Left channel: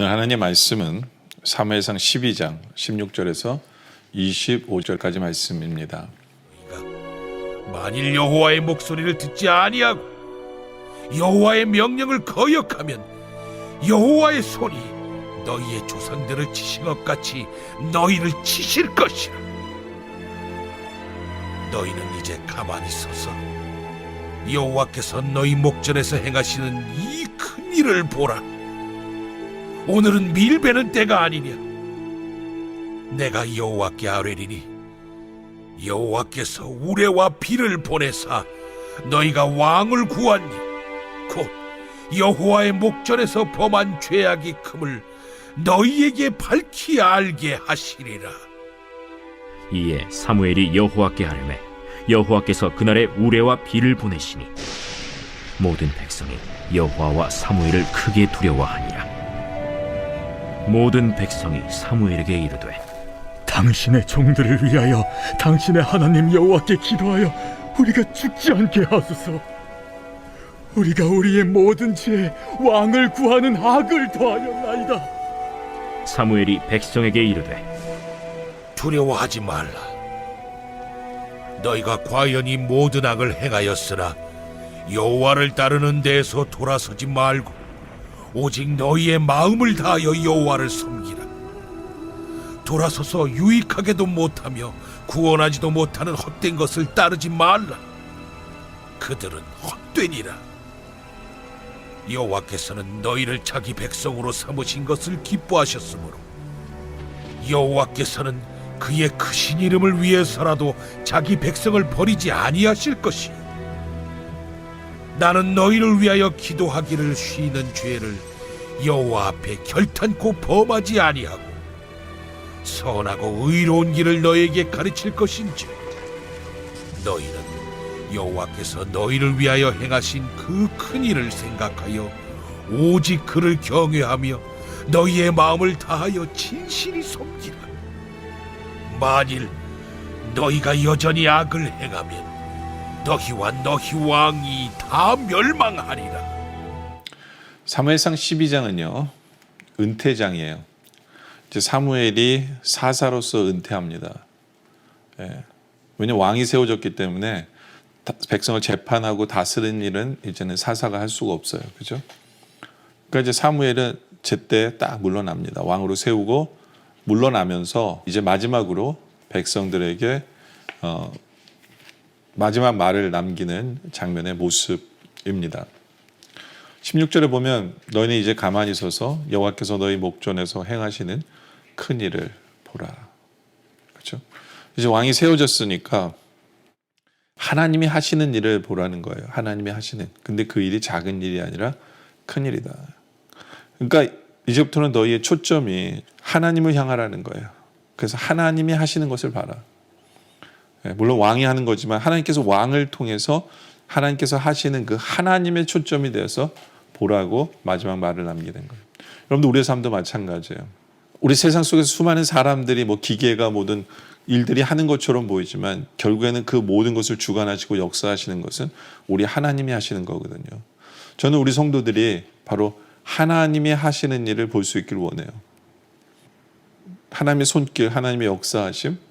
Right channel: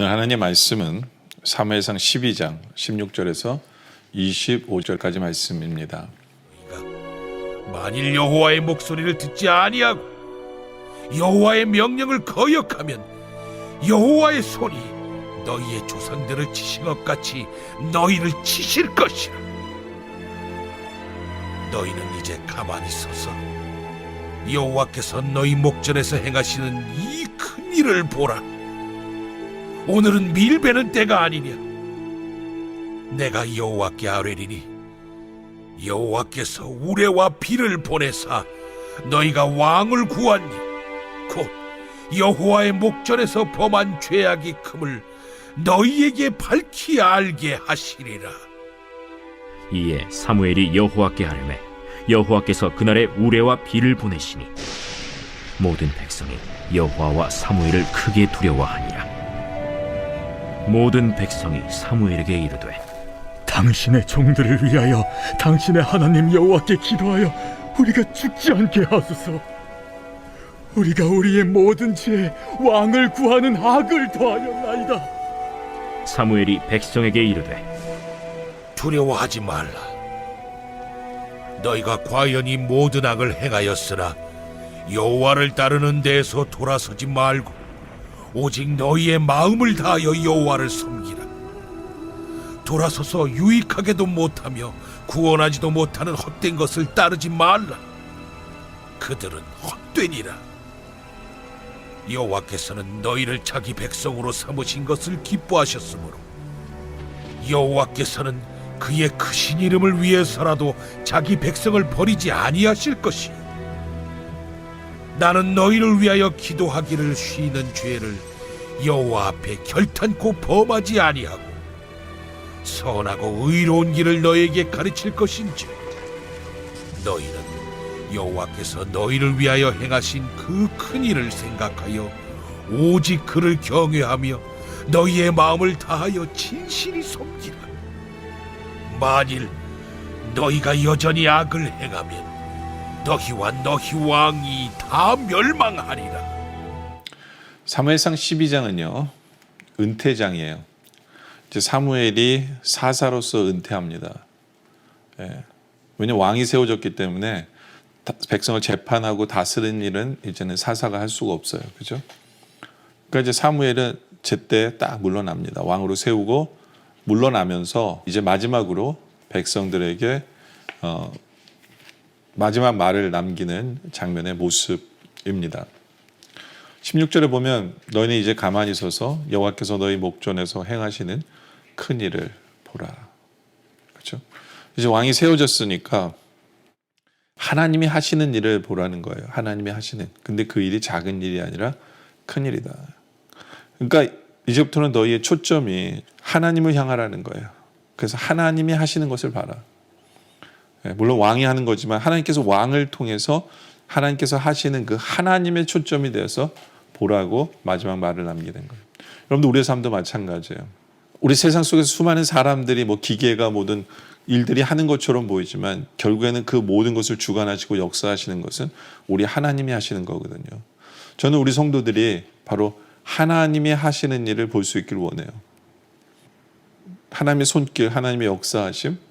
오늘 하나님의 말씀은 사무엘상 12장 16절에서 25절까지 말씀입니다. 만일 여호와의 목소리를 듣지 아니하고 여호와의 명령을 거역하면 여호와의 손이 너희의 조상들을 치신 것 같이 너희를 치실 것이라. 너희는 이제 가만히 서서 여호와께서 너희 목전에서 행하시는 이 큰 일을 보라. 오늘은 밀베는 때가 아니냐. 내가 여호와께 아뢰리니 여호와께서 우레와 비를 보내사 너희가 왕을 구하니 곧 여호와의 목전에서 범한 죄악이 큼을 너희에게 밝히 알게 하시리라. 이에 사무엘이 여호와께 아뢰매 여호와께서 그날에 우레와 비를 보내시니 모든 백성이 여호와와 사무엘을 크게 두려워하니라. 모든 백성이 사무엘에게 이르되 당신의 종들을 위하여 당신의 하나님 여호와께 기도하여 우리가 죽지 않게 하소서. 우리가 우리의 모든 죄에 왕을 구하는 악을 더하였나이다. 사무엘이 백성에게 이르되 두려워하지 말라. 너희가 과연 이 모든 악을 행하였으나 여호와를 따르는 데에서 돌아서지 말고 오직 너희의 마음을 다하여 여호와를 섬기라. 돌아서서 유익하게도 못하며 구원하지도 못하는 헛된 것을 따르지 말라. 그들은 헛되니라. 여호와께서는 너희를 자기 백성으로 삼으신 것을 기뻐하셨으므로 여호와께서는 그의 크신 이름을 위해서라도 자기 백성을 버리지 아니하실 것이요. 나는 너희를 위하여 기도하기를 쉬는 죄를 여호와 앞에 결탄코 범하지 아니하고 선하고 의로운 길을 너희에게 가르칠 것인지 너희는 여호와께서 너희를 위하여 행하신 그 큰 일을 생각하여 오직 그를 경외하며 너희의 마음을 다하여 진실이 섬기라. 만일 너희가 여전히 악을 행하면 너희와 너희 왕이 다 멸망하리라. 사무엘상 12장은요 은퇴장이에요. 이제 사무엘이 사사로서 은퇴합니다. 왜냐 왕이 세워졌기 때문에 백성을 재판하고 다스리는 일은 이제는 사사가 할 수가 없어요. 그죠? 그러니까 이제 사무엘은 제때 딱 물러납니다. 왕으로 세우고 물러나면서 이제 마지막으로 백성들에게 마지막 말을 남기는 장면의 모습입니다. 16절에 보면 너희는 이제 가만히 서서 여호와께서 너희 목전에서 행하시는 큰 일을 보라. 그렇죠? 이제 왕이 세워졌으니까 하나님이 하시는 일을 보라는 거예요. 하나님이 하시는. 근데 그 일이 작은 일이 아니라 큰 일이다. 그러니까 이제부터는 너희의 초점이 하나님을 향하라는 거예요. 그래서 하나님이 하시는 것을 봐라. 물론 왕이 하는 거지만 하나님께서 왕을 통해서 하나님께서 하시는 그 하나님의 초점이 되어서 보라고 마지막 말을 남기는 거예요. 여러분들 우리의 삶도 마찬가지예요. 우리 세상 속에서 수많은 사람들이 뭐 기계가 모든 일들이 하는 것처럼 보이지만 결국에는 그 모든 것을 주관하시고 역사하시는 것은 우리 하나님이 하시는 거거든요. 저는 우리 성도들이 바로 하나님이 하시는 일을 볼 수 있기를 원해요. 하나님의 손길, 하나님의 역사하심,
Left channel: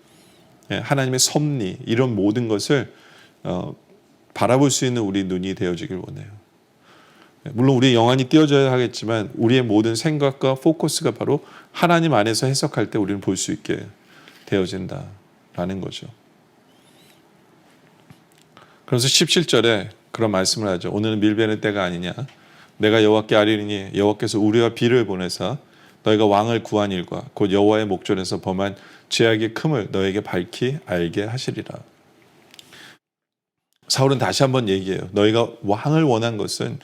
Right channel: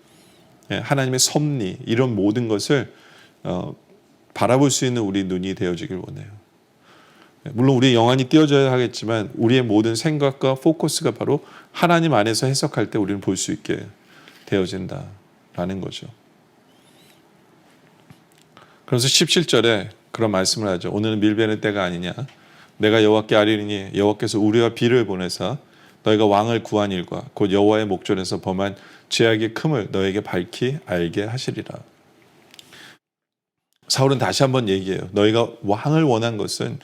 하나님의 섭리 이런 모든 것을 바라볼 수 있는 우리 눈이 되어지길 원해요. 물론 우리의 영안이 띄어져야 하겠지만 우리의 모든 생각과 포커스가 바로 하나님 안에서 해석할 때 우리는 볼 수 있게 되어진다라는 거죠. 그래서 17절에 그런 말씀을 하죠. 오늘은 밀베는 때가 아니냐. 내가 여호와께 아뢰리니 여호와께서 우리와 비를 보내사 너희가 왕을 구한 일과 곧 여호와의 목전에서 범한 죄악의 큼을 너에게 밝히 알게 하시리라. 사울은 다시 한번 얘기해요. 너희가 왕을 원한 것은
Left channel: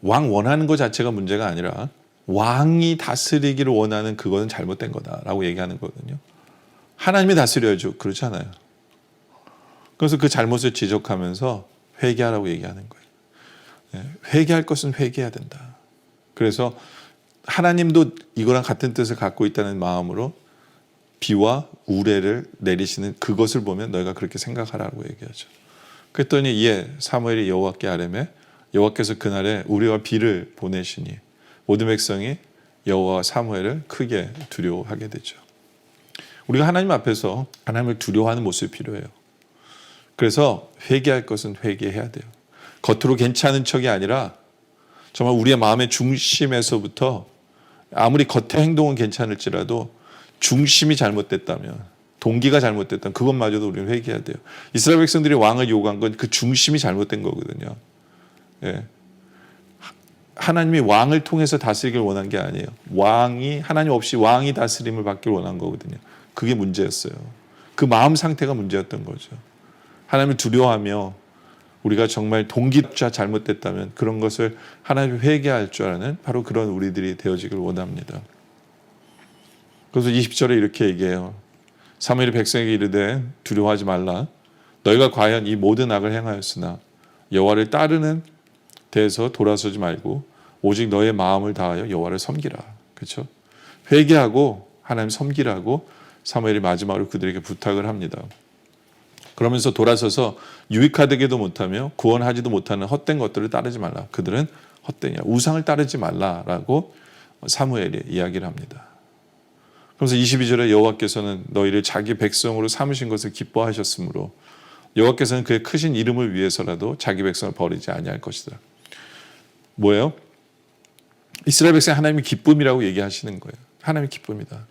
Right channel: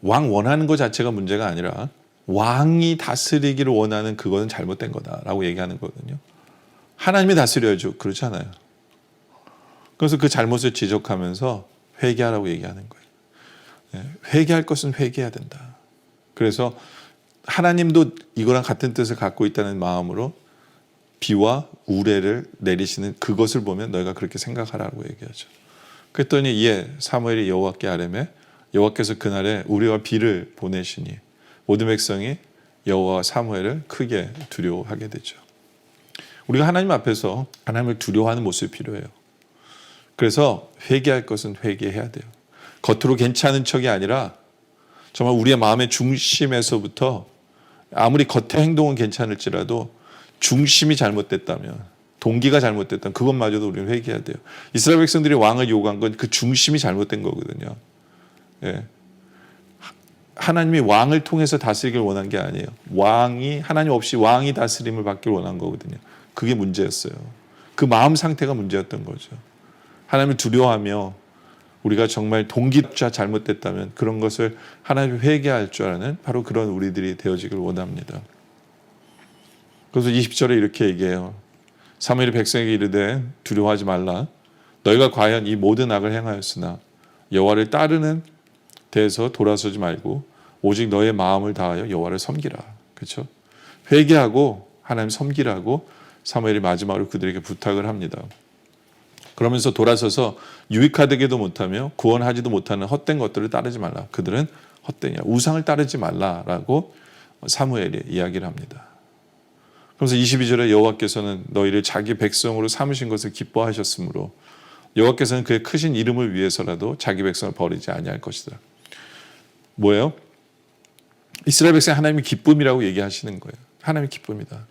왕 원하는 것 자체가 문제가 아니라 왕이 다스리기를 원하는 그거는 잘못된 거다라고 얘기하는 거거든요. 하나님이 다스려야죠. 그렇지 않아요. 그래서 그 잘못을 지적하면서 회개하라고 얘기하는 거예요. 회개할 것은 회개해야 된다. 그래서 하나님도 이거랑 같은 뜻을 갖고 있다는 마음으로 비와 우레를 내리시는 그것을 보면 너희가 그렇게 생각하라고 얘기하죠. 그랬더니 이에 사무엘이 여호와께 아뢰매 여호와께서 그날에 우리와 비를 보내시니 모든 백성이 여호와 사무엘을 크게 두려워하게 되죠. 우리가 하나님 앞에서 하나님을 두려워하는 모습이 필요해요. 그래서 회개할 것은 회개해야 돼요. 겉으로 괜찮은 척이 아니라 정말 우리의 마음의 중심에서부터 아무리 겉의 행동은 괜찮을지라도 중심이 잘못됐다면, 동기가 잘못됐다면 그것마저도 우리는 회개해야 돼요. 이스라엘 백성들이 왕을 요구한 건 그 중심이 잘못된 거거든요. 예. 하나님이 왕을 통해서 다스리길 원한 게 아니에요. 하나님 없이 왕이 다스림을 받길 원한 거거든요. 그게 문제였어요. 그 마음 상태가 문제였던 거죠. 하나님을 두려워하며 우리가 정말 동기조차 잘못됐다면 그런 것을 하나님이 회개할 줄 아는 바로 그런 우리들이 되어지길 원합니다. 그래서 20절에 이렇게 얘기해요. 사무엘이 백성에게 이르되 두려워하지 말라. 너희가 과연 이 모든 악을 행하였으나 여호와를 따르는 데에서 돌아서지 말고 오직 너의 마음을 다하여 여호와를 섬기라. 그렇죠? 회개하고 하나님 섬기라고 사무엘이 마지막으로 그들에게 부탁을 합니다. 그러면서 돌아서서 유익하되기도 못하며 구원하지도 못하는 헛된 것들을 따르지 말라. 그들은 헛되냐. 우상을 따르지 말라라고 사무엘이 이야기를 합니다. 그래서 22절에 여호와께서는 너희를 자기 백성으로 삼으신 것을 기뻐하셨으므로 여호와께서는 그의 크신 이름을 위해서라도 자기 백성을 버리지 아니할 것이다. 뭐예요? 이스라엘 백성 하나님의 기쁨이라고 얘기하시는 거예요. 하나님의 기쁨이다.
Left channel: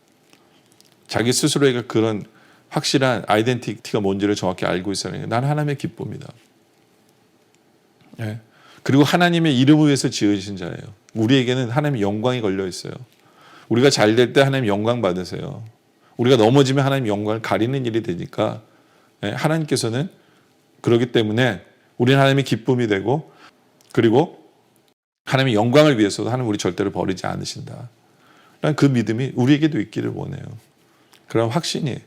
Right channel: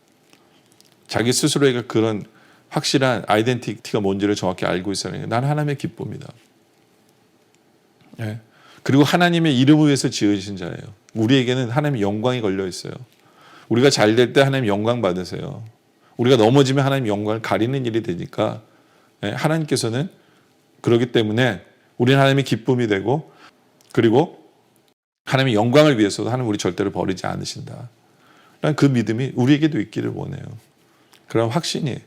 자기 스스로에게 그런 확실한 아이덴티티가 뭔지를 정확히 알고 있어야 해요. 나는 하나님의 기쁨이다. 예. 그리고 하나님의 이름을 위해서 지으신 자예요. 우리에게는 하나님의 영광이 걸려 있어요. 우리가 잘 될 때 하나님 영광 받으세요. 우리가 넘어지면 하나님 영광을 가리는 일이 되니까 하나님께서는 그렇기 때문에 우리는 하나님의 기쁨이 되고 그리고 하나님의 영광을 위해서도 하나님 우리 절대로 버리지 않으신다. 그 믿음이 우리에게도 있기를 원해요. 그런 확신이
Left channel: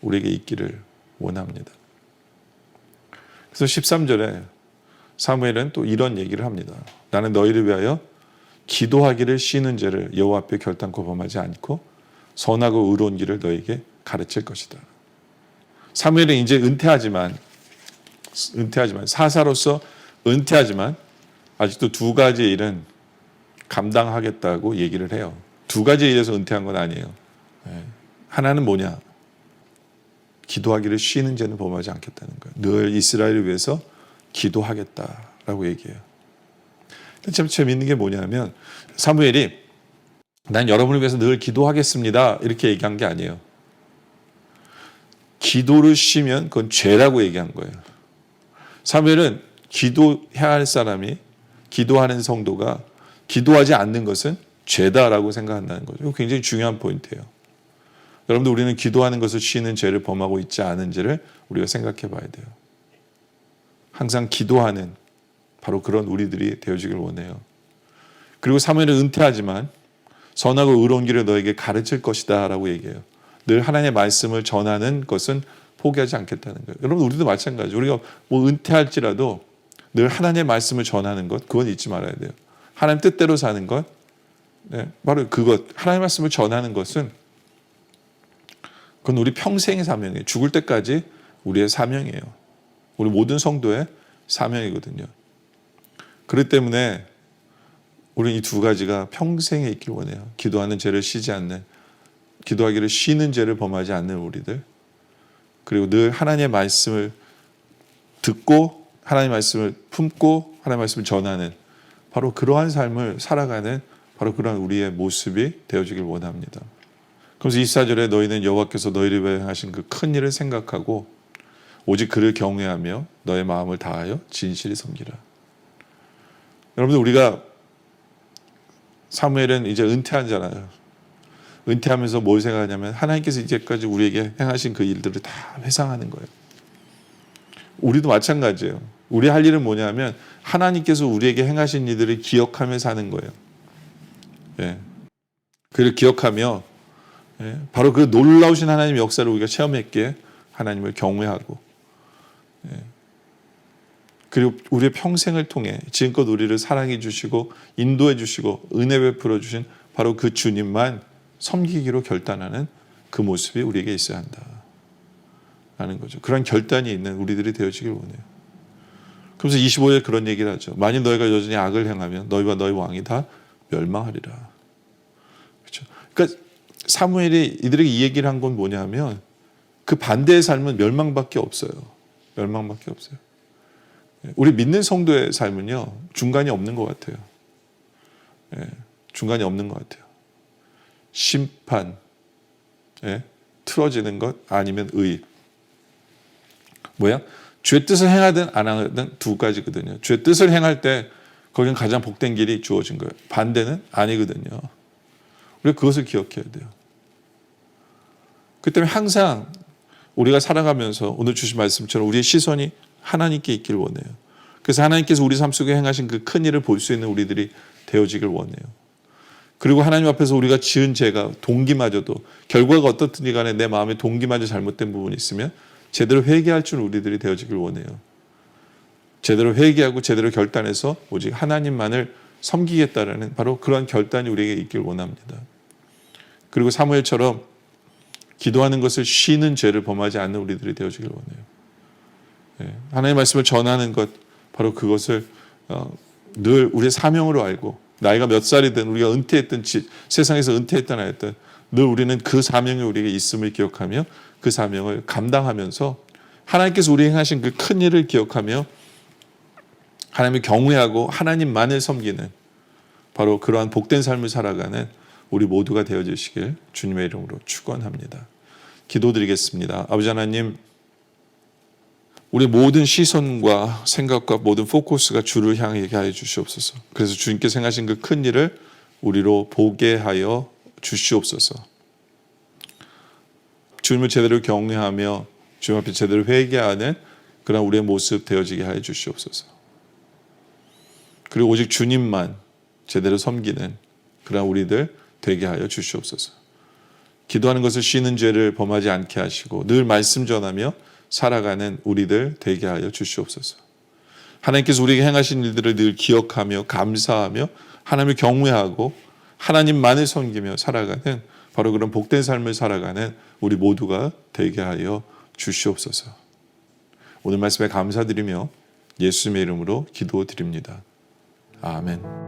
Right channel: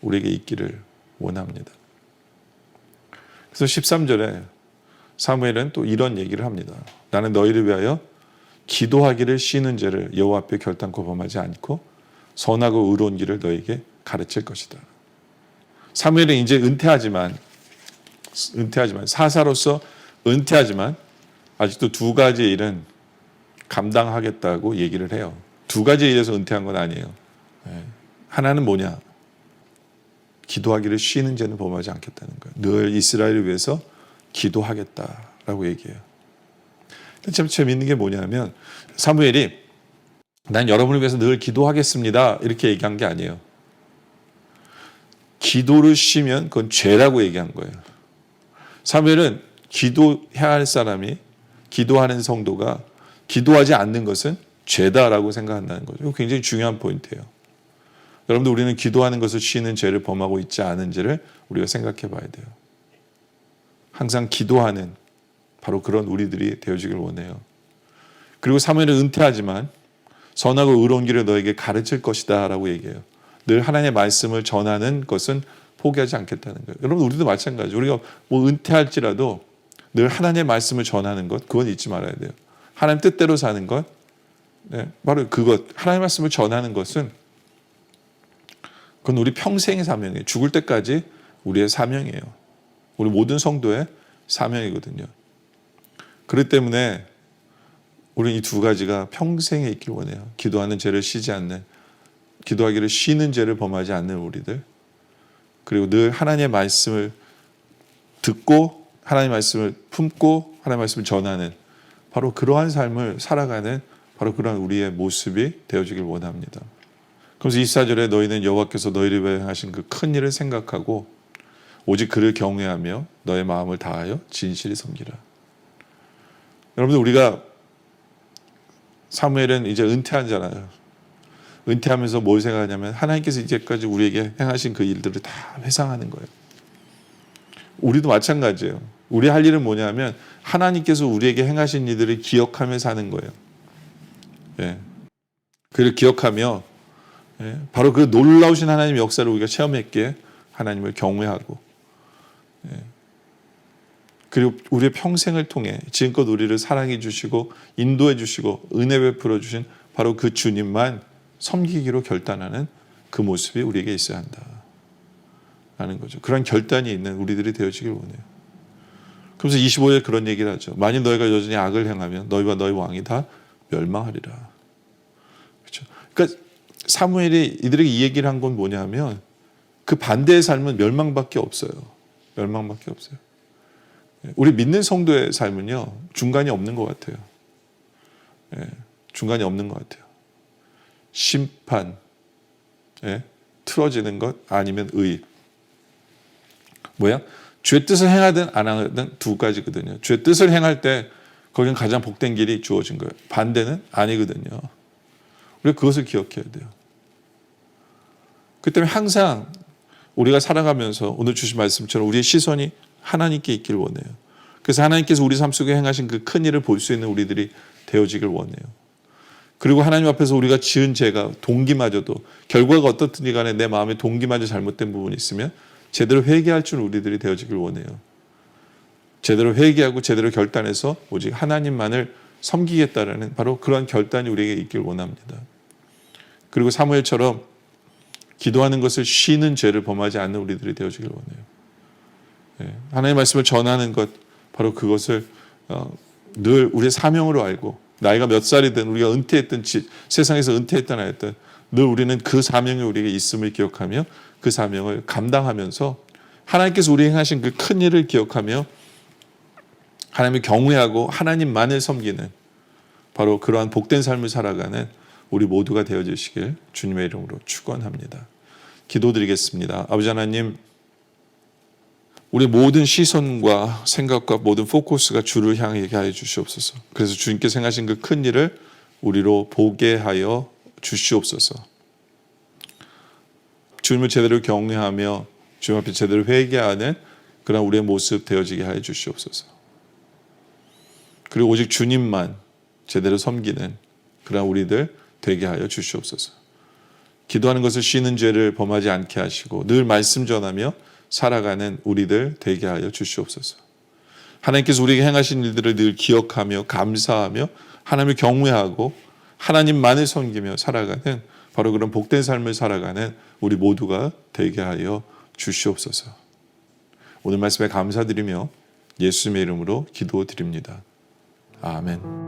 우리에게 있기를 원합니다. 그래서 13절에 사무엘은 또 이런 얘기를 합니다. 나는 너희를 위하여 기도하기를 쉬는 죄를 여호와 앞에 결단코 범하지 않고 선하고 의로운 길을 너에게 가르칠 것이다. 사무엘은 이제 은퇴하지만 사사로서 은퇴하지만 아직도 두 가지 일은 감당하겠다고 얘기를 해요. 두 가지 일에서 은퇴한 건 아니에요. 하나는 뭐냐? 기도하기를 쉬는 죄는 범하지 않겠다는 거예요. 늘 이스라엘을 위해서 기도하겠다라고 얘기해요. 참 재미있는 게 뭐냐면 사무엘이 난 여러분을 위해서 늘 기도하겠습니다 이렇게 얘기한 게 아니에요. 기도를 쉬면 그건 죄라고 얘기한 거예요. 사무엘은 기도해야 할 사람이 기도하는 성도가 기도하지 않는 것은 죄다라고 생각한다는 거죠. 이거 굉장히 중요한 포인트예요. 여러분들 우리는 기도하는 것을 쉬는 죄를 범하고 있지 않은지를 우리가 생각해 봐야 돼요. 항상 기도하는 바로 그런 우리들이 되어지길 원해요. 그리고 사무엘은 은퇴하지만 선하고 의로운 길을 너에게 가르칠 것이다 라고 얘기해요. 늘 하나님의 말씀을 전하는 것은 포기하지 않겠다는 거예요. 여러분 우리도 마찬가지예요. 우리가 뭐 은퇴할지라도 늘 하나님의 말씀을 전하는 것 그건 잊지 말아야 돼요. 하나님 뜻대로 사는 것 바로 그것 하나님의 말씀을 전하는 것은 그건 우리 평생의 사명이에요. 죽을 때까지 우리의 사명이에요. 우리 모든 성도의 사명이거든요. 그렇기 때문에 우리는 이 두 가지가 평생에 있길 원해요. 기도하는 죄를 쉬지 않는, 기도하기를 쉬는 죄를 범하지 않는 우리들, 그리고 늘 하나님의 말씀을 듣고 하나님의 말씀을 품고 하나님의 말씀을 전하는 바로 그러한 삶을 살아가는 바로 그런 우리의 모습이 되어지길 원합니다. 그래서 24절에 너희는 여호와께서 너희를 위해 하신 그 큰 일을 생각하고 오직 그를 경외하며 너의 마음을 다하여 진실히 섬기라. 여러분들 우리가 사무엘은 이제 은퇴하잖아요. 은퇴하면서 뭘 생각하냐면 하나님께서 이제까지 우리에게 행하신 그 일들을 다 회상하는 거예요. 우리도 마찬가지예요. 우리 할 일은 뭐냐면 하나님께서 우리에게 행하신 일들을 기억하며 사는 거예요. 예. 그를 기억하며 바로 그 놀라우신 하나님의 역사를 우리가 체험했기에 하나님을 경외하고 그리고 우리의 평생을 통해 지금껏 우리를 사랑해 주시고 인도해 주시고 은혜 베풀어 주신 바로 그 주님만 섬기기로 결단하는 그 모습이 우리에게 있어야 한다라는 거죠. 그런 결단이 있는 우리들이 되어지길 원해요. 그래서 25절 그런 얘기를 하죠. 만일 너희가 여전히 악을 행하면 너희와 너희 왕이 다 멸망하리라. 그러니까 사무엘이 이들에게 이 얘기를 한 건 뭐냐면 그 반대의 삶은 멸망밖에 없어요. 멸망밖에 없어요. 우리 믿는 성도의 삶은요, 중간이 없는 것 같아요. 중간이 없는 것 같아요. 심판, 틀어지는 것 아니면 의. 뭐야? 죄 뜻을 행하든 안 하든 두 가지거든요. 죄 뜻을 행할 때 거기는 가장 복된 길이 주어진 거예요. 반대는 아니거든요. 우리가 그것을 기억해야 돼요. 그 때문에 항상 우리가 살아가면서 오늘 주신 말씀처럼 우리의 시선이 하나님께 있길 원해요. 그래서 하나님께서 우리 삶 속에 행하신 그 큰 일을 볼 수 있는 우리들이 되어지길 원해요. 그리고 하나님 앞에서 우리가 지은 죄가 동기마저도 결과가 어떻든지 간에 내 마음에 동기마저 잘못된 부분이 있으면 제대로 회개할 줄 우리들이 되어지길 원해요. 제대로 회개하고 제대로 결단해서 오직 하나님만을 섬기겠다라는 바로 그러한 결단이 우리에게 있길 원합니다. 그리고 사무엘처럼 기도하는 것을 쉬는 죄를 범하지 않는 우리들이 되어지길 원해요. 하나님의 말씀을 전하는 것, 바로 그것을 늘 우리의 사명으로 알고 나이가 몇 살이든 우리가 은퇴했든 세상에서 은퇴했든 하였든 늘 우리는 그 사명이 우리에게 있음을 기억하며 그 사명을 감당하면서 하나님께서 우리에게 행하신 그 큰 일을 기억하며 하나님을 경외하고 하나님만을 섬기는 바로 그러한 복된 삶을 살아가는 우리 모두가 되어주시길 주님의 이름으로 축원합니다. 기도드리겠습니다. 아버지 하나님, 우리 모든 시선과 생각과 모든 포커스가 주를 향하게 하여 주시옵소서. 그래서 주님께서 행하신 그 큰 일을 우리로 보게 하여 주시옵소서. 주님을 제대로 경외하며 주님 앞에 제대로 회개하는 그런 우리의 모습 되어지게 하여 주시옵소서. 그리고 오직 주님만 제대로 섬기는 그런 우리들 되게 하여 주시옵소서. 기도하는 것을 쉬는 죄를 범하지 않게 하시고 늘 말씀 전하며 살아가는 우리들 되게 하여 주시옵소서. 하나님께서 우리에게 행하신 일들을 늘 기억하며 감사하며 하나님을 경외하고 하나님만을 섬기며 살아가는 바로 그런 복된 삶을 살아가는 우리 모두가 되게 하여 주시옵소서. 오늘 말씀에 감사드리며 예수님의 이름으로 기도드립니다. 아멘.